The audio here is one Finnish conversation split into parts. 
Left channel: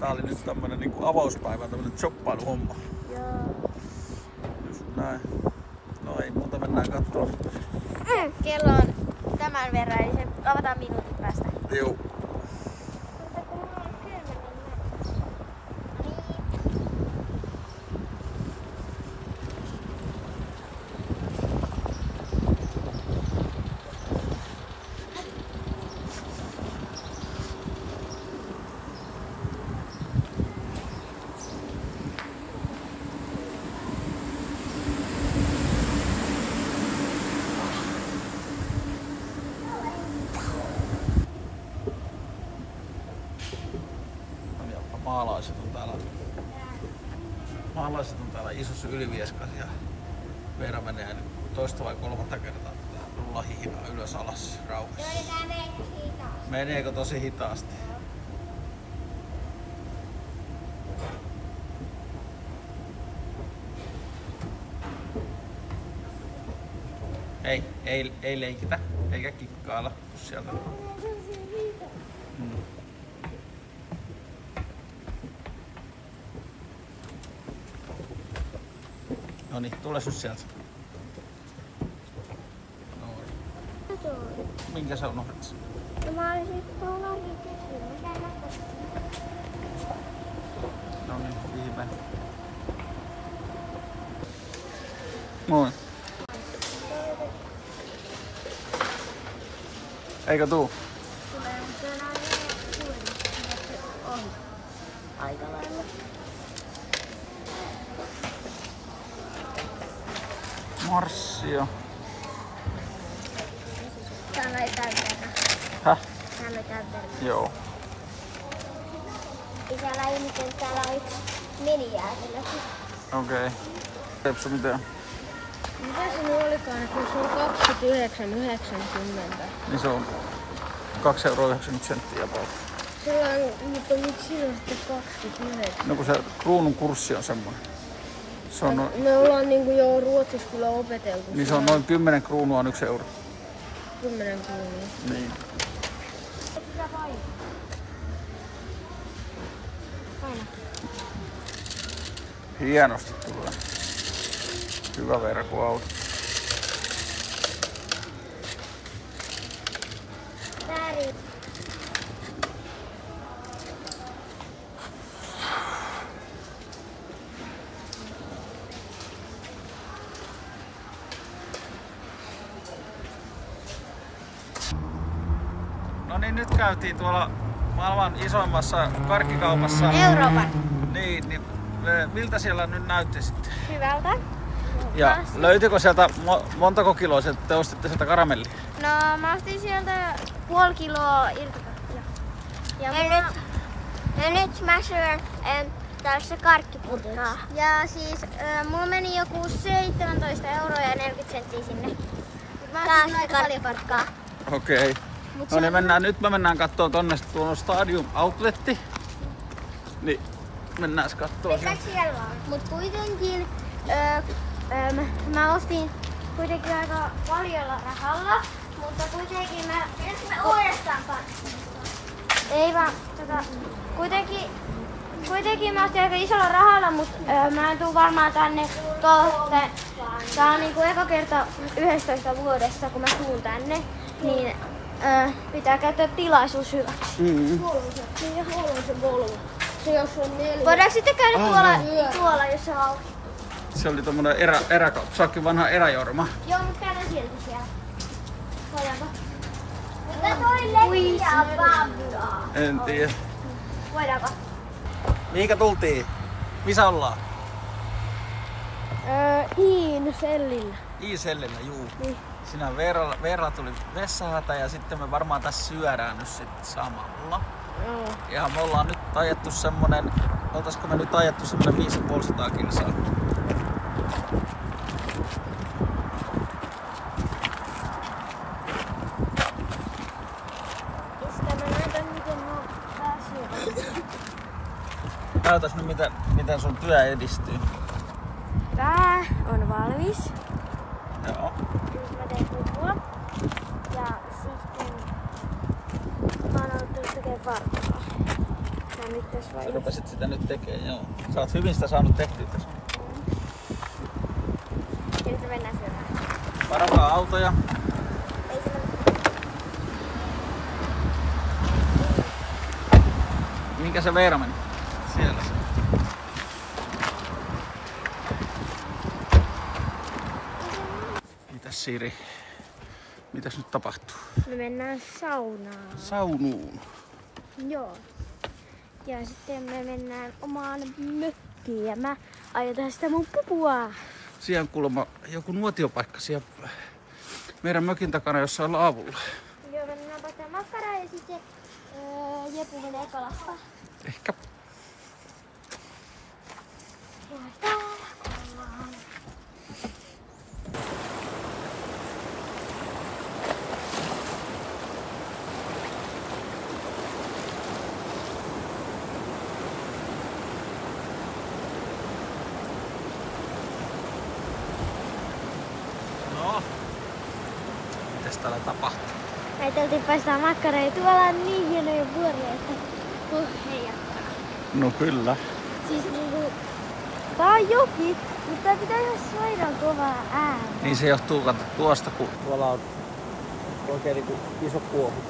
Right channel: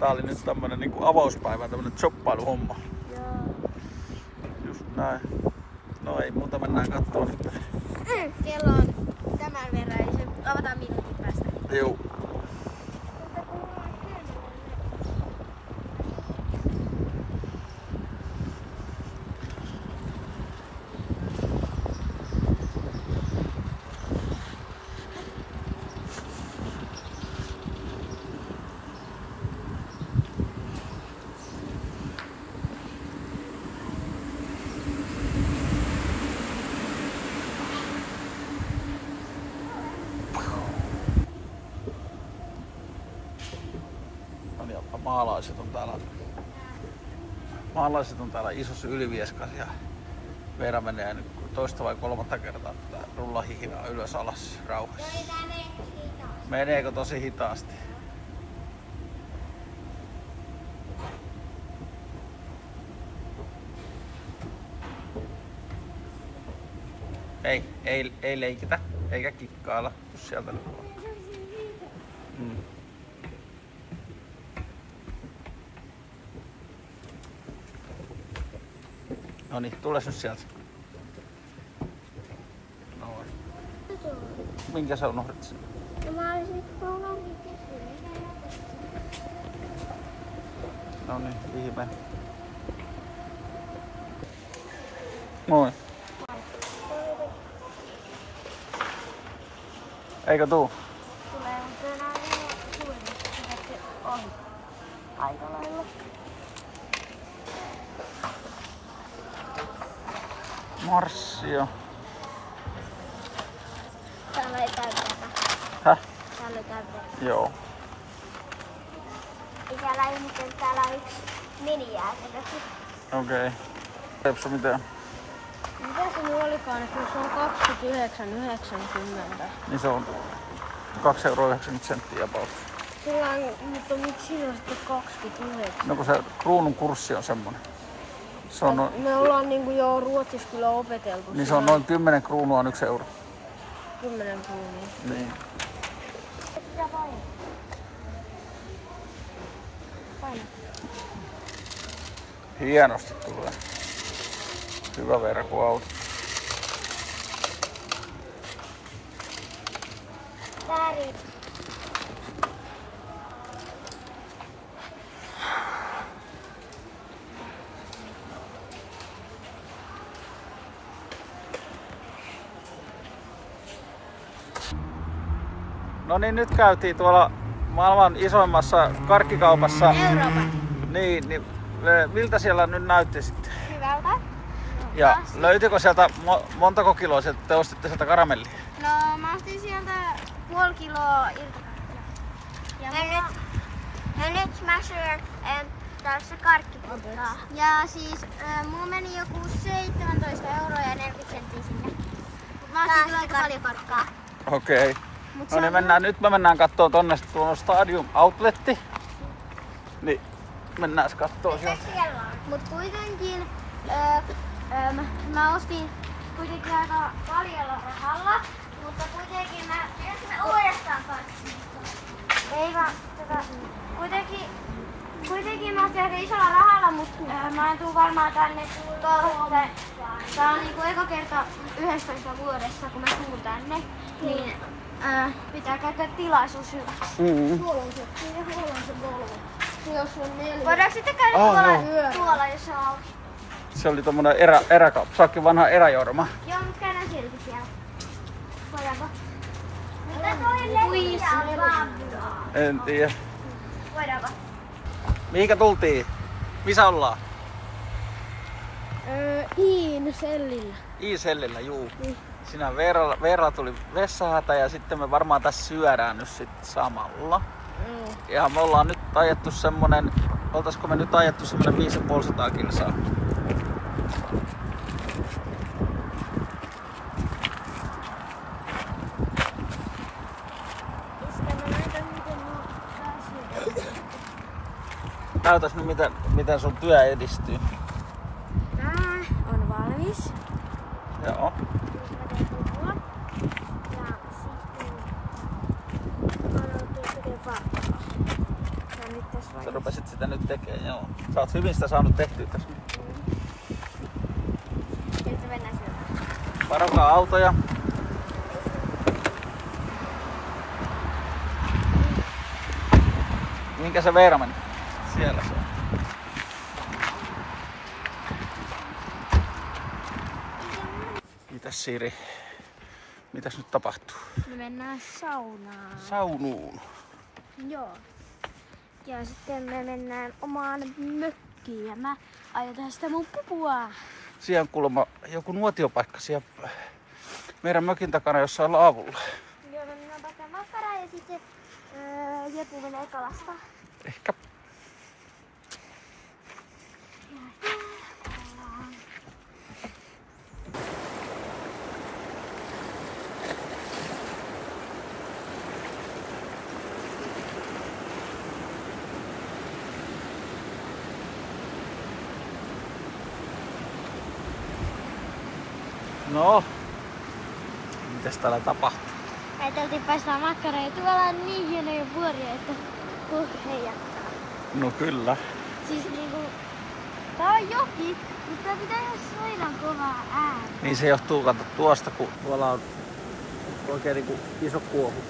Tää oli nyt tämmönen niinku avauspäivä, tämmönen shoppailuhomma. Joo. Just näin. No ei muuta, mennään kattoon. Kello on tämän verran, eli se avataan minuutin päästä. Joo. Maalaiset on täällä isossa Ylivieskassa ja Veera menee nyt toista vai kolmatta kertaa tätä rullahihinaa ylös alas rauhassa. Meneekö tosi hitaasti? Ei leikitä eikä kikkailla, jos sieltä Noniin, tule nyt sieltä. Noin. Minkä sä unohdit sen? No mä olisin tuollakin kysynyt, mitä näköistä. Noniin, ihme. Moi. Eikö tuu? Tulee, mutta enää ei ole ohi. Aika lailla. Marssio. Täällä ei täytetä. Häh? Täällä ei täytetä. Joo. Täällä ei mitään, täällä on yksi minijäätelökin. Okei. Repsu mitään? Mitä se nyt olikaan, että se on 29,90. Niin se on 2,90 € about. Sillä on, mutta miksi on sitten 29? No kun se kruunun kurssi on semmonen. Se on Me ollaan niinku jo Ruotsissa kyllä opeteltu. Niin se on noin 10 kruunua on 1 euro. 10 kruunua. Niin. Hienosti tulee. Hyvä verkkoauto. Väri. No niin, nyt käytiin tuolla maailman isoimmassa karkkikaupassa. Euroopan. Niin miltä siellä nyt näytti sitten? Hyvältä. Ja löytyykö sieltä, montako kiloa sieltä te ostitte sieltä karamellia? No mä ostin sieltä puoli kiloa irti. Ja nyt mä syön tässä karkkiputkaa. Ja siis mulla meni joku 17 € ja 40 senttiä sinne. Mut mä ostin aika paljon karkkaa. Okei. No niin, nyt me mennään kattoon tonne tuon Stadium Outletti. Niin mennään kattoo sieltä. Mut kuitenkin mä ostin kuitenkin aika paljolla rahalla. Mutta kuitenkin mä uudestaan ei vaan kuitenkin mä ostin aika isolla rahalla, mutta mä en tuu varmaan tänne kohteen. Tää on niinku eka kerta 11 vuodessa, kun mä tuun tänne. Niin pitää käyttää tilaisuus hyväksi. Huolon se volvo. Se jos on 4. Voidaanko sitten käydä tuolla, jos on auki? Se oli tommonen eräkauppa. Se onkin vanha eräjorma. Joo, mutta käydään silti siellä. Voidaanko? Mitä toi leikkiä Pabloa? En tiedä. Voidaanko? Mihinkä tultiin? Missä ollaan? I-sellillä. I-sellillä, juu. Niin. Siinä Veeralla tuli vessahätä ja sitten me varmaan tässä syödään nyt sit samalla. Joo. Ja me ollaan nyt ajettu semmonen, oltaisko me nyt ajettu semmonen 550 kilsaa. Näytäs nyt miten sun työ edistyy. Tää on valmis. Joo. Nyt mä teen pupua. Ja sitten mä oon ottanut tekemään varpaa. Tää sitä nyt tässä vaiheessa. Rupesit sitä nyt tekemään, joo. Sä oot hyvin sitä saanut tehtyä tässä. Sieltä mennään syömään. Varokaa autoja. Ei sillä Mihinkä se Veera meni? Siellä se on. Mitäs Siiri? Mitäs nyt tapahtuu? me mennään saunaan. Saunuun. Joo. Ja sitten me mennään omaan mökkiin ja mä ajetaan sitä mun pupua. Siellä on kuulemma joku nuotiopaikka siellä meidän mökin takana jossain laavulla. Joo, me mennään paikkaan makkaraa ja sitten Jepi menee kalastaa. Ehkä. No, mitäs täällä tapahtuu? Ajateltiin paistaa makkaraa ja tuolla on niin hienoja vuoria, että tuosta heijaa. No kyllä. Siis niinku, tää on joki, mutta tää pitää olla sairaan kovaa ääni. Niin se johtuu kato tuosta, kun tuolla on oikein niinku iso kuohu.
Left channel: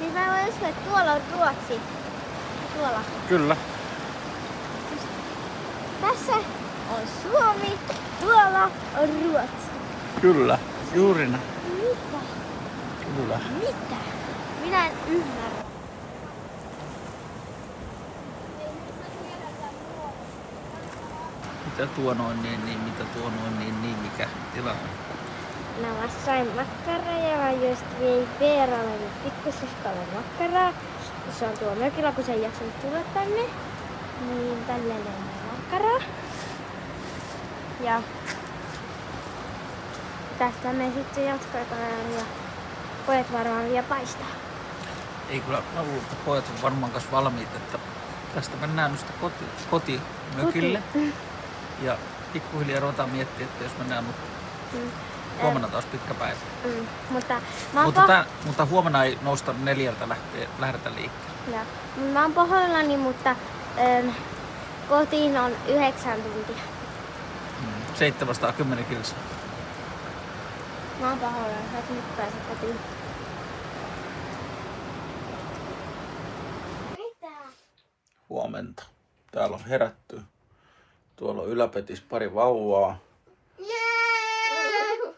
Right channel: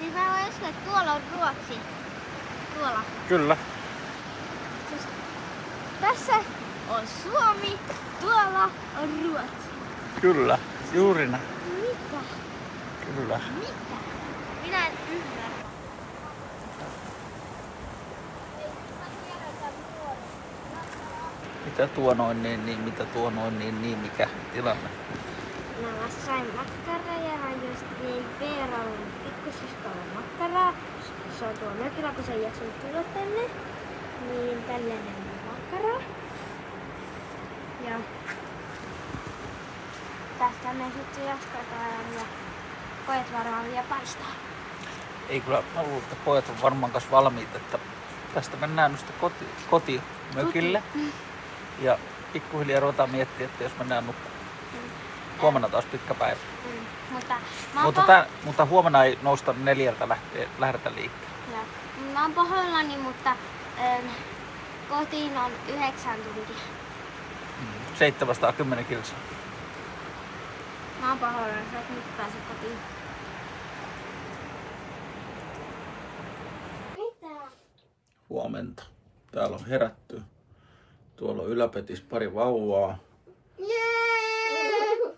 Niin mä voin uskoa, että tuolla on Ruotsi. Tuolla. Kyllä. Tässä on Suomi, tuolla on Ruotsi. Kyllä, juuri näin. Mitä? Kyllä. Mitä? Minä en ymmärrä. Mitä tuo noin niin, mitä tuo noin niin, mikä tilanne? Mä sain makkaraa ja mä just vein Veeralle pikkusiskolle makkaraa. Se on tuolla mökillä, kun se ei jaksanut tulla tänne. Niin tänne on makkaraa. Ja tästä me sitten jatketaan ja pojat varmaan vielä paistaa. Ei kyllä, mä luulen, että pojat on varmaan kanssa valmiit, että tästä mennään nyt kotimökille. Ja pikkuhiljaa ruvetaan miettiä, että jos mennään nukkumaan. Huomenna taas pitkä päivä. Mutta huomenna ei nousta 4 lähdetä liikkeelle. Ja, mä oon pahoillani, mutta kotiin on 9 tuntia. 710 kilsaa. Mä oon pahoillani, sä et nyt pääse kotiin. Mitä? Huomenta. Täällä on herätty. Tuolla on yläpetissä pari vauvaa.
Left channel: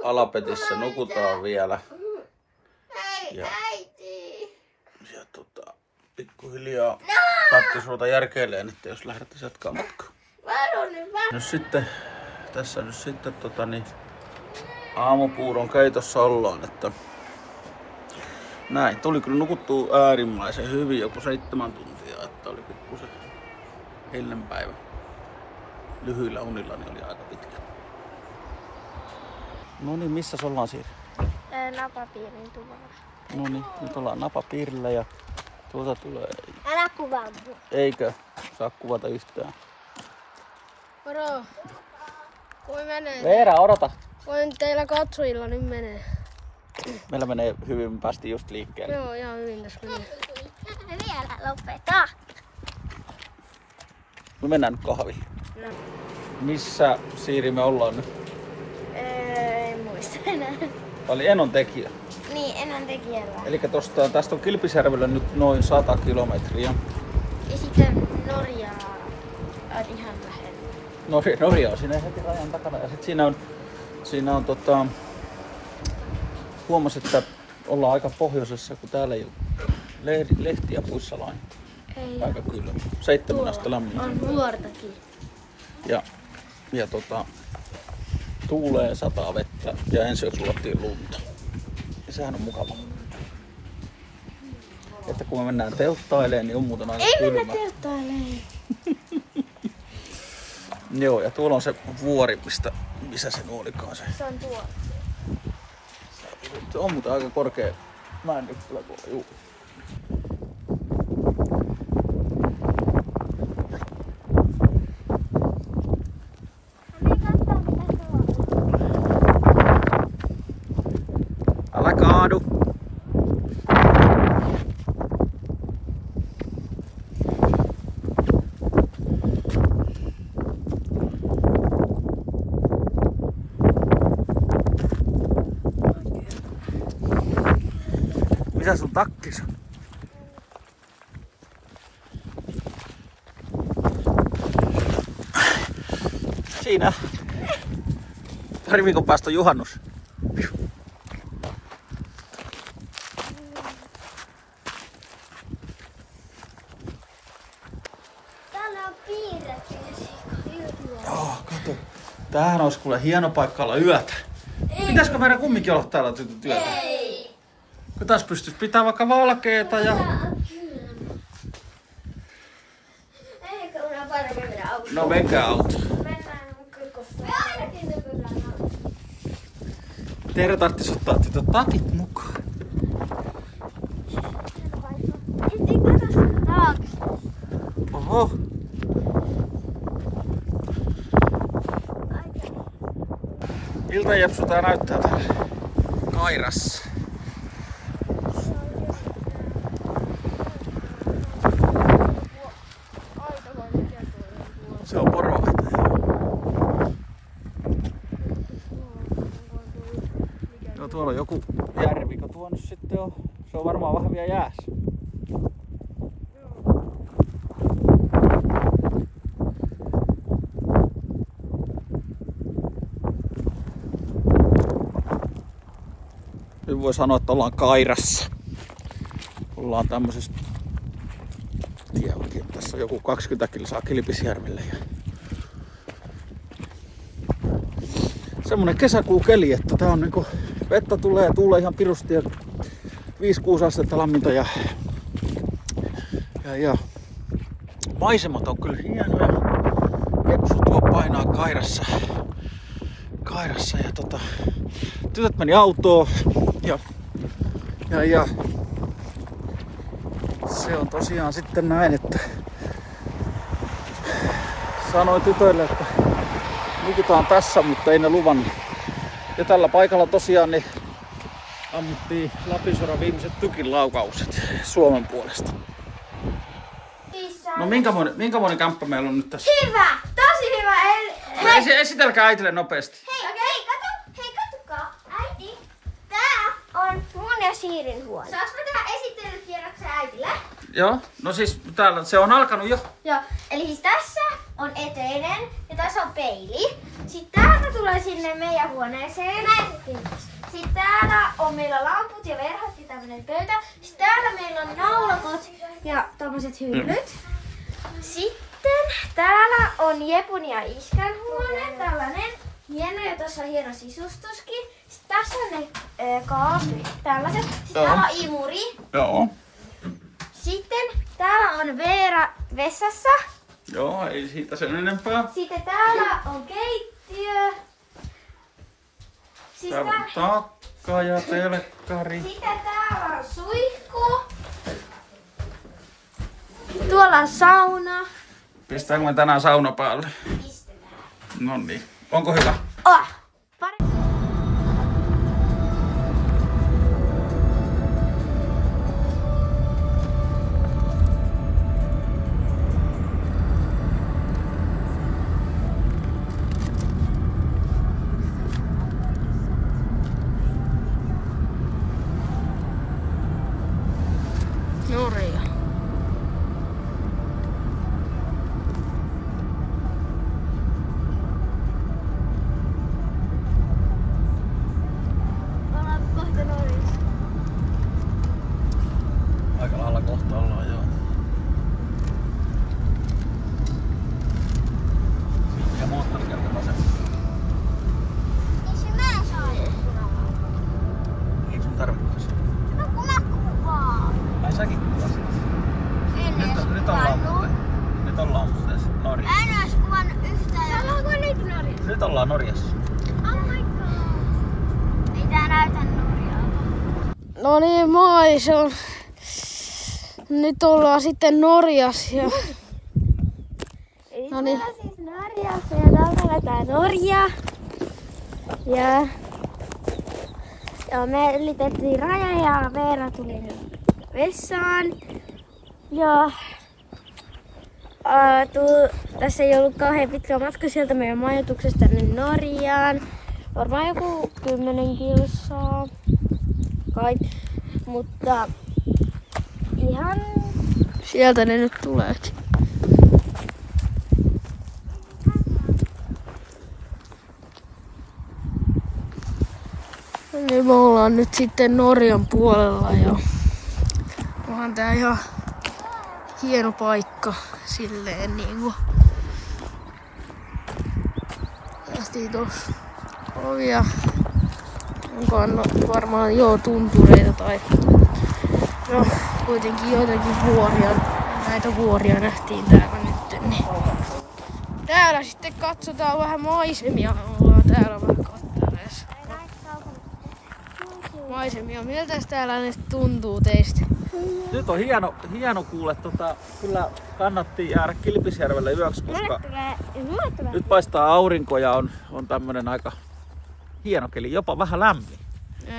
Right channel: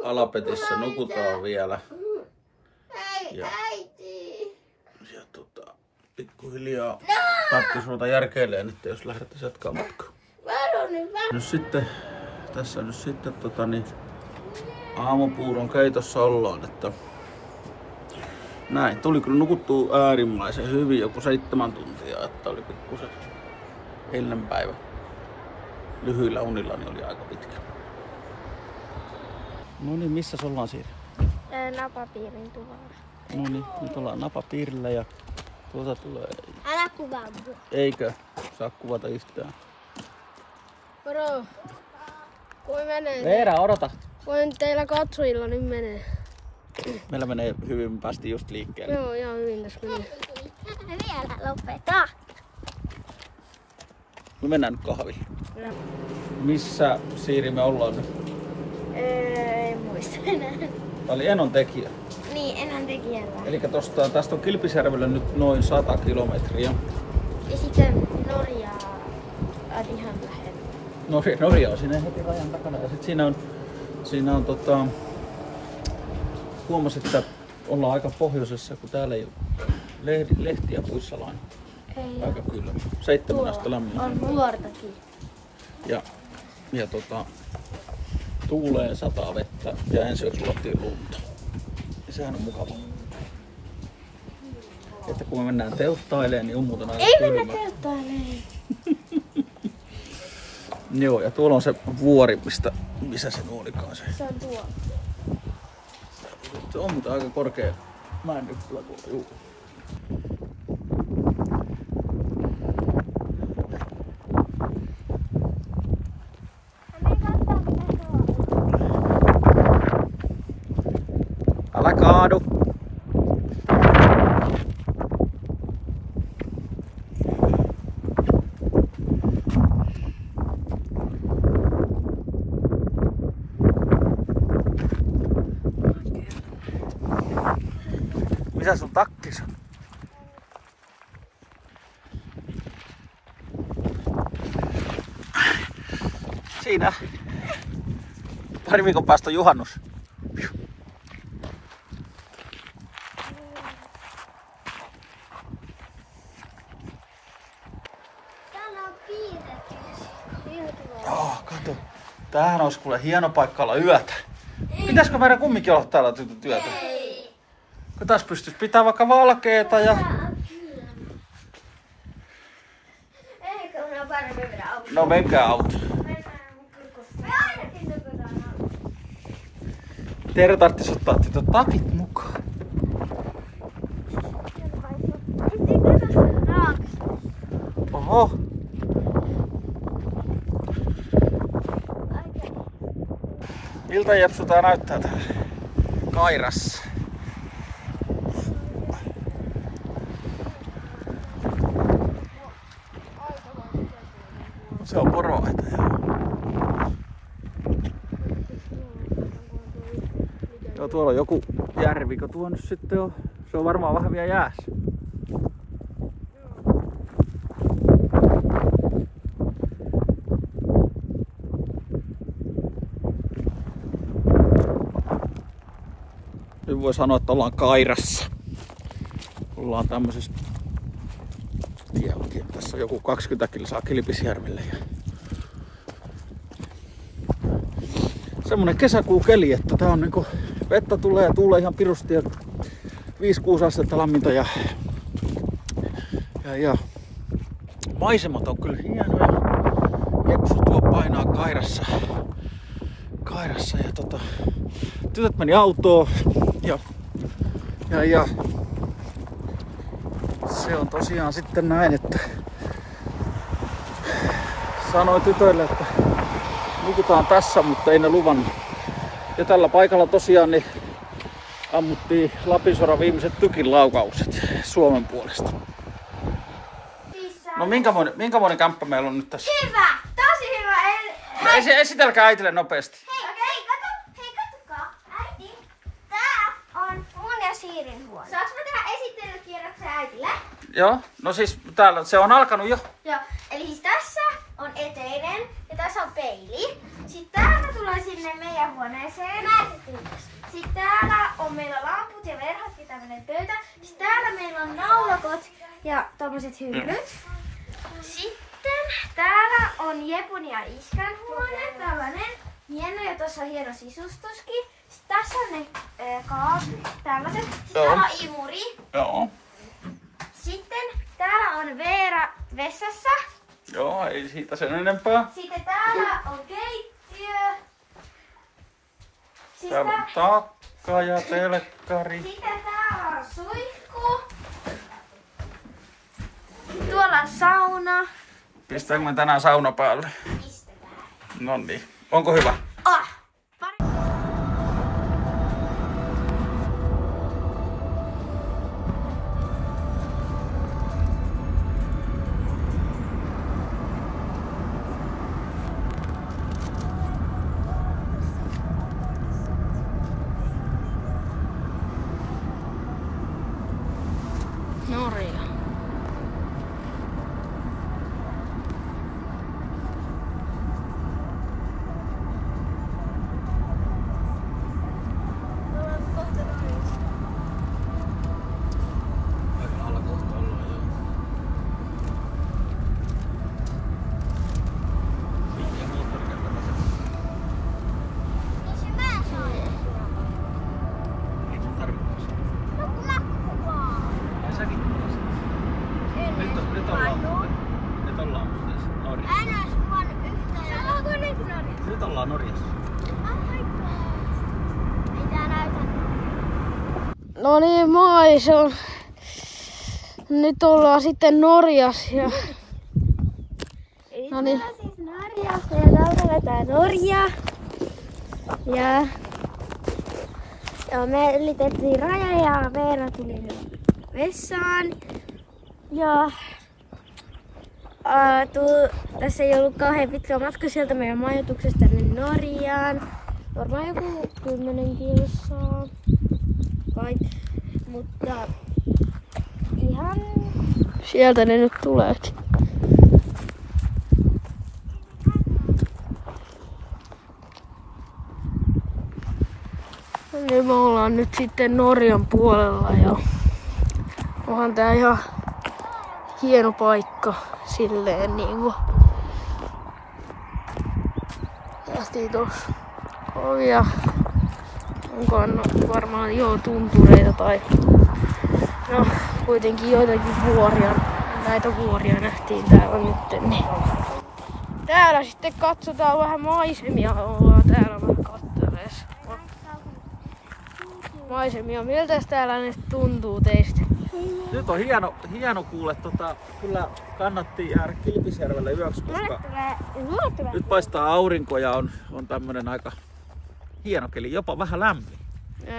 Alapetissä nukutaan vielä. Ja pikkuhiljaa tarvitsisi ruveta järkeilemään, että jos lähdettäisiin jatkaa matkaa. Tässä nyt sitten aamupuuron keitossa ollaan, että näin. Tuli kyllä nukuttua äärimmäisen hyvin, joku 7 tuntia, että oli pikkusen ennen päivä. Lyhyillä unilla niin oli aika pitkä. No niin, missä ollaan Siiri? Napapiirin tuvalla. No niin, nyt ollaan napapiirillä ja tuolta tulee... Älä kuvaa mua. Eikö saa kuvata yhtään? Moro. Kui menee? Veera, odota! Voin teillä katsojilla nyt menee. Meillä menee hyvin, me päästiin just liikkeelle. Joo, ihan hyvin tässä meni. Vielä lopeta. Me mennään nyt kahviin. No. Missä Siiri me ollaan nyt? En muista enää. Oli Enontekijä. Niin, Enontekijällä. Eli tästä on Kilpisjärvelle nyt noin 100 kilometriä. Ja sitten Norjaa on ihan lähellä. Norja on siinä heti rajan takana. Ja sit siinä on huomasin, että ollaan aika pohjoisessa, kun täällä ei ole lehtiä puissa lain. Aika kylmä. 7 astetta lämmin. On vuortakin. Ja tuulee, sataa vettä ja ensi yöksi luottiin lunta. Ja sehän on mukavaa. Että kun me mennään telttailemaan, niin on muuten aika Ei kylmä. mennä telttailemaan. Joo, ja tuolla on se vuori, missä se olikaan se. Se on tuo. Se on muuten aika korkea mäennyppylä tuolla, juu. Älä kaadu! Mikä sun takkis on? Siinä. Pari viikon päästä on juhannus. Täällä on piirretty. Joo, kato. Tämähän olisi kuule hieno paikka olla yötä. Pitäisikö meidän kumminkin olla täällä työtä? Ei. Kun tässä pystyisi pitää vaikka valkeeta ja... Eikö minä paremmin mennä autoon? No menkää auto. Mennään mun kirkossa. Me ainakin töpötään autoon. Teidän tarvitsisi ottaa tytöt takit mukaan. Oho. Iltajepsu tää näyttää täällä Kairassa. Se on poroaita. Joo, tuolla on joku järvikö tuo nyt sitten on. Se on varmaan vähän vielä jäässä. Nyt voi sanoa, että ollaan Kairassa. Ollaan tämmöisessä tielläkin. Tässä on joku 20 kilsaa Kilpisjärvelle. Semmonen kesäkuukeli, että tää on niinku vettä tulee ja tuulee ihan pirusti ja 5-6 astetta lämmintä ja maisemat on kyllä hienoja. Jepsu tuo painaa Kairassa ja tytöt meni autoon ja se on tosiaan sitten näin, että sanoin tytöille, että nukutaan tässä, mutta ei ne luvannut. Ja tällä paikalla tosiaan niin ammuttiin Lapinsoran viimeiset tykinlaukaukset Suomen puolesta. No minkämoinen kämppä meillä on nyt tässä? Hyvä! Tosi hyvä! Esitelkää äitille nopeasti. Hei, katsokaa. Äiti, tää on mun ja Siirin huone. Saanko mä tehdä esittelykierroksen äitille? Joo, no siis täällä se on alkanut jo. Joo, eli siis tässä on eteinen ja tässä on peili. Sitten täältä tulee sinne meidän huoneeseen. Sitten täällä on meillä lamput ja verhot ja tämmönen pöytä. Sitten täällä meillä on naulakot ja tommoset hyllyt. Sitten täällä on Jepun ja Iskän huone, tällainen hieno ja tossa on hieno sisustuskin. Sitten tässä on ne kaapit, tällaiset. Sitten täällä on imuri. Joo. Sitten täällä on Veera vessassa. Joo, ei siitä sen enempää. Sitten täällä on keittiö. Täällä on takka ja telkkari. Sitten täällä on suihku. Tuolla on sauna. Pistäänkö me tänään sauna päälle? Pistetään. Noniin. Onko hyvä? Norja. Ollaan kohta Norjassa. Aika lailla kohta ollaan, joo. Ja moottorikelkalla se. Ei se mä saa. Ei sun tarvitse. No kun mä kuvaan. Ai säkin kuvasit. Nyt ollaan Norjassa. En ois kuvannut yhtään. Sä oot kuvannut Norjassa. Nyt ollaan Norjassa. Oh my god. Ei tää näytä Norjaa. No niin, moi, se on... Nyt ollaan sitten Norjassa ja... No niin. Siis Norjassa ja täältä vetää Norja. Ja me ylitettiin raja ja Veera tuli nyt vessaan. Ja tässä ei ollut kauhean pitkä matka sieltä meidän majoituksesta tänne Norjaan. Varmaan joku 10 kilsaa. Kai. Mutta ihan... Sieltä ne nyt tuleekin. Niin me ollaan nyt sitten Norjan puolella ja onhan tää ihan hieno paikka silleen niinku. Tehtiin tossa ovia. Onkohan varmaan tuntureita tai no kuitenkin joitakin vuoria. Näitä vuoria nähtiin täällä nyt. Niin. Täällä sitten katsotaan vähän maisemia. Ollaan täällä vähän katseleessa. Maisemia. Miltä täällä nyt tuntuu teistä? Nyt on hieno kuule. Kyllä kannatti jäädä Kilpisjärvelle yöksi, koska nyt paistaa aurinko ja on tämmönen aika hieno keli. Jopa vähän lämmin.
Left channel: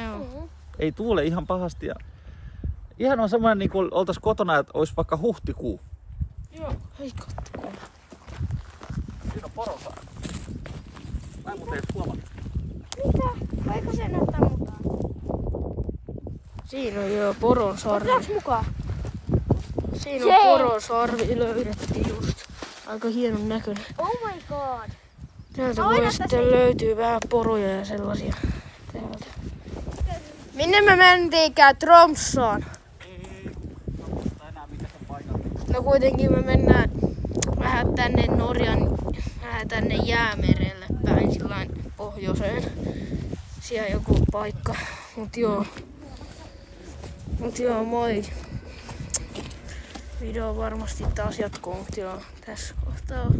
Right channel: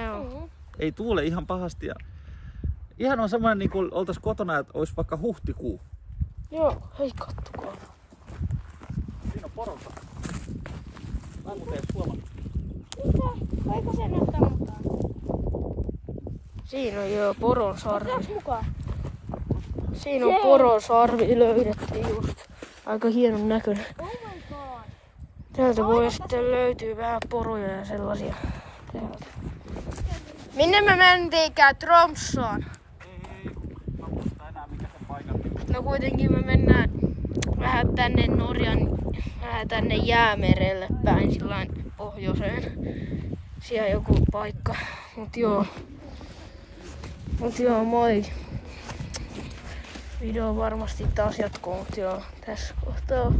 Joo. Ei tuule ihan pahasti. Ja ihan on semmoinen niin kuin oltais kotona, että olisi vaikka huhtikuu. Joo, hei kattokaa. Siinä on porosaari. Näin kun teet tuolla. Voiko se nyt ammuttaa? Siinä on jo poron sarvi. Otas mukaan. Siinä on poron sarvi löydettiin just. Aika hienon näköinen. Oh my god. Täältä voi sitten löytyy vähän poroja ja sellaisia. Täältä. Minne me mentiinkään? Tromssaan. No kuitenkin me mennään vähän tänne vähän tänne Jäämerelle päin sillain pohjoiseen. Siellä joku paikka. Mut joo, moi. Video varmasti taas jatkuu, mut joo, tässä kohtaa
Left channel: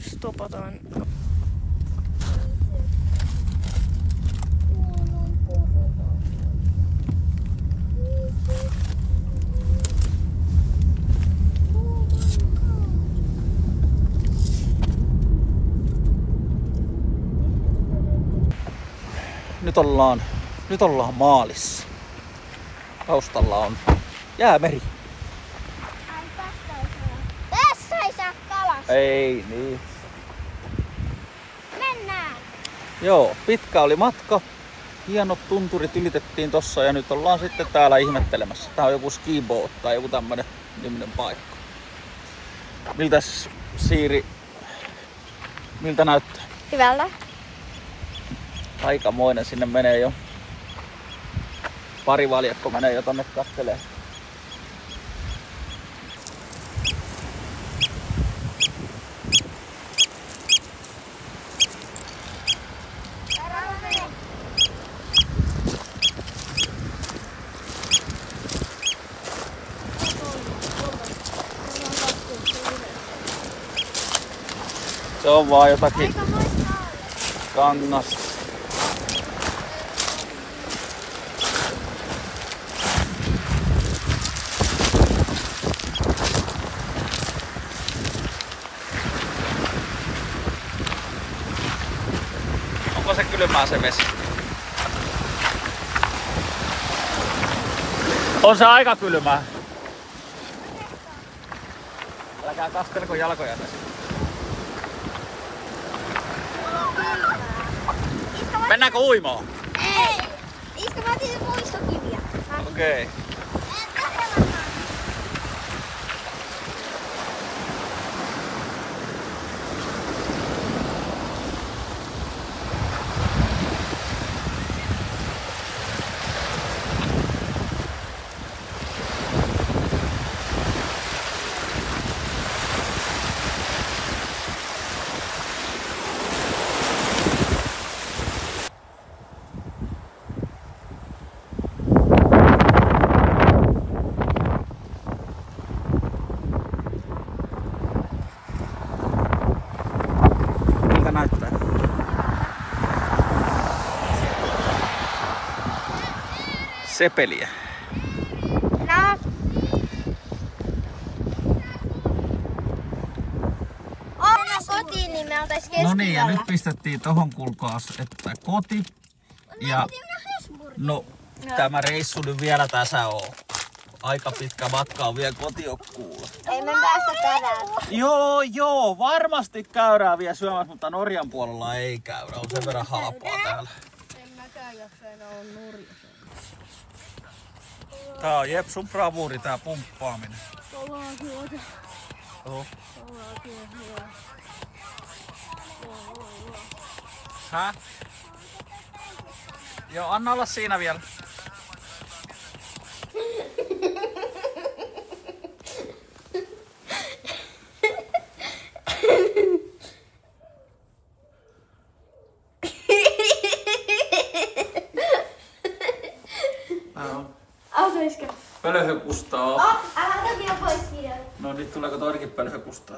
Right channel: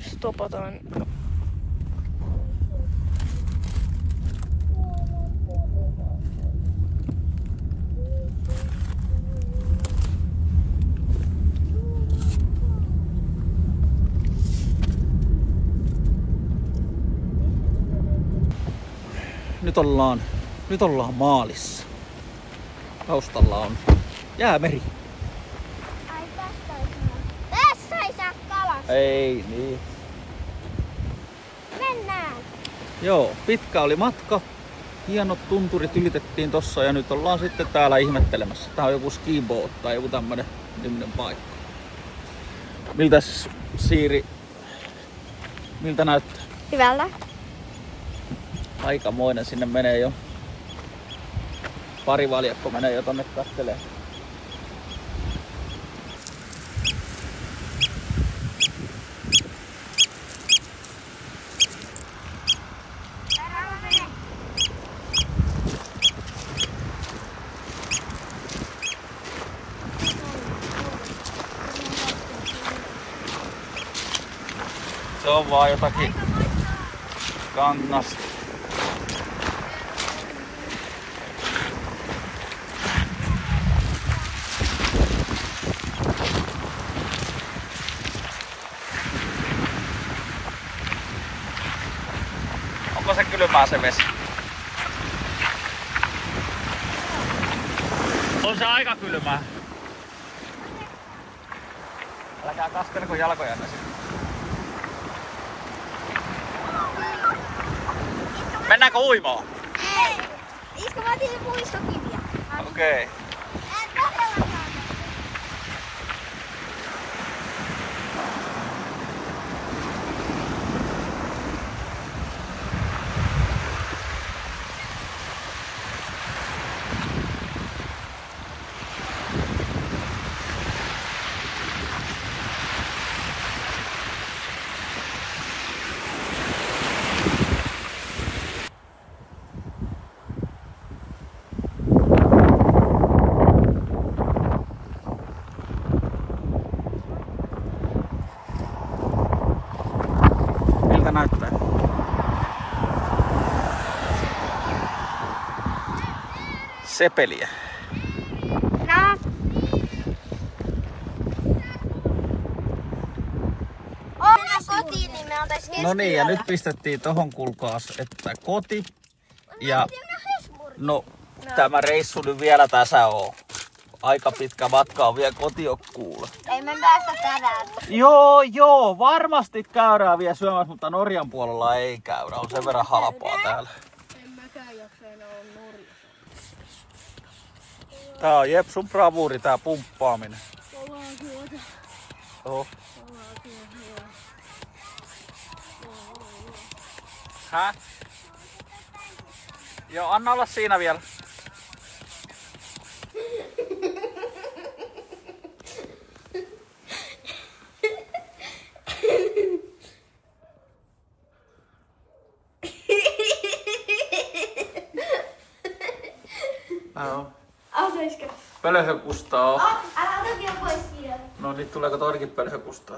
stopataan. Nyt ollaan maalissa. Taustalla on Jäämeri. Tässä ei saa kalasta. Ei niin. Mennään. Joo, pitkä oli matka. Hienot tunturit ylitettiin tossa ja nyt ollaan sitten täällä ihmettelemässä. Tää on joku skiboat tai joku tämmönen niminen paikka. Miltäs Siiri, miltä näyttää? Hyvältä. Aikamoinen, sinne menee jo. Pari valjakko menee jo tonne kattelee. Se on vaan jotakin kangasta. Onko se kylmää se vesi? On se aika kylmää. Älkää kastelko jalkojanne sitten. Mennäänkö uimaan? Ei. Iska vaatii puistokiviä. Okei. Okay. Sepeliä. Kotiin, niin me oltais keskellä. No niin, ja nyt pistettiin tohon kulkaas, että koti. Ja no, tämä reissu nyt vielä tässä on. Aika pitkä matka on vielä kotiokkuulla. Ei me päästä tänään. Joo, varmasti käydään vielä syömässä, mutta Norjan puolella ei käydä. On sen verran halpaa täällä. Tää on Jepsun bravuuri, tää pumppaaminen. Kovaa työtä. Oho. Kovaa työtä. Hä? Joo, anna olla siinä vielä. Autaisko? Pölhö kustaa. Älä ota vielä pois siitä. No sit tuleeko toinenkin pölhö kustaa?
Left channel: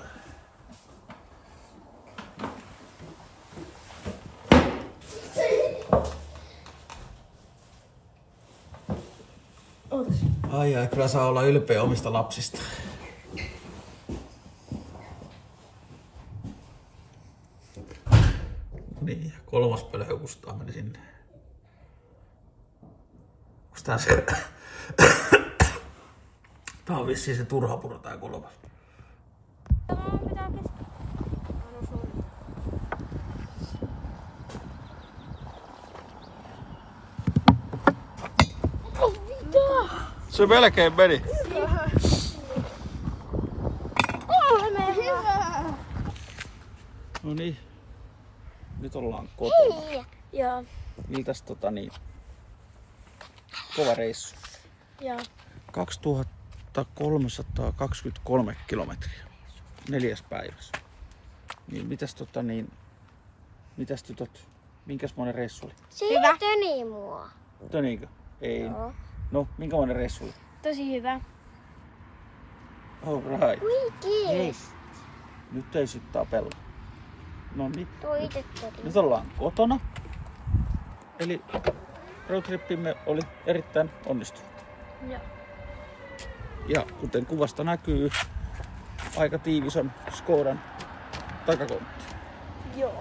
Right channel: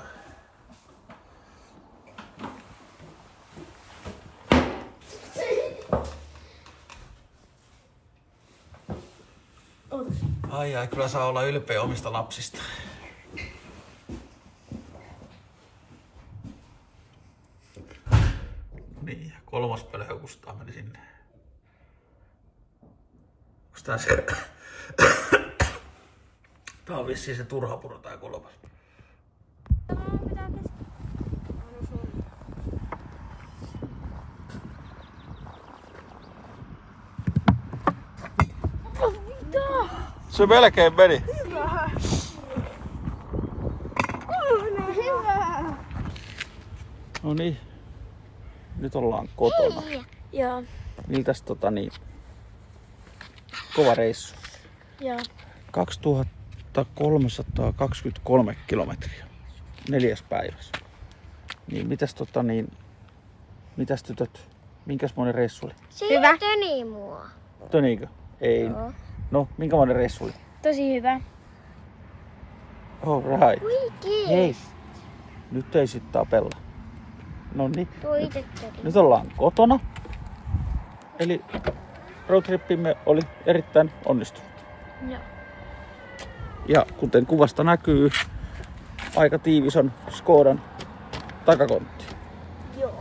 Ootas. Ai, kyllä saa olla ylpeä omista lapsista. Niin, 3. pölhö kustaa meni sinne. Onks tää se? Tää on vissiin se turhapuro tää 3. Pitää keskellä. Se melkein meni. No niin. Nyt ollaan kotona. Joo. Miltäs kova reissu. Joo. 2323 kilometriä 4 päivässä. Niin mitäs tytöt, minkäsmoinen reissu oli? Hyvä. Töni mua. Töniikö? Ei. Joo. No, minkämoinen reissu oli? Tosi hyvä. All right. Kuinkin? Hei, nyt ei sit tapella. No niin, Tuo ite töni. nyt ollaan kotona. Eli roadtrippimme oli erittäin onnistunut. Joo. Ja kuten kuvasta näkyy, aika tiivis on Skodan takakontti. Joo.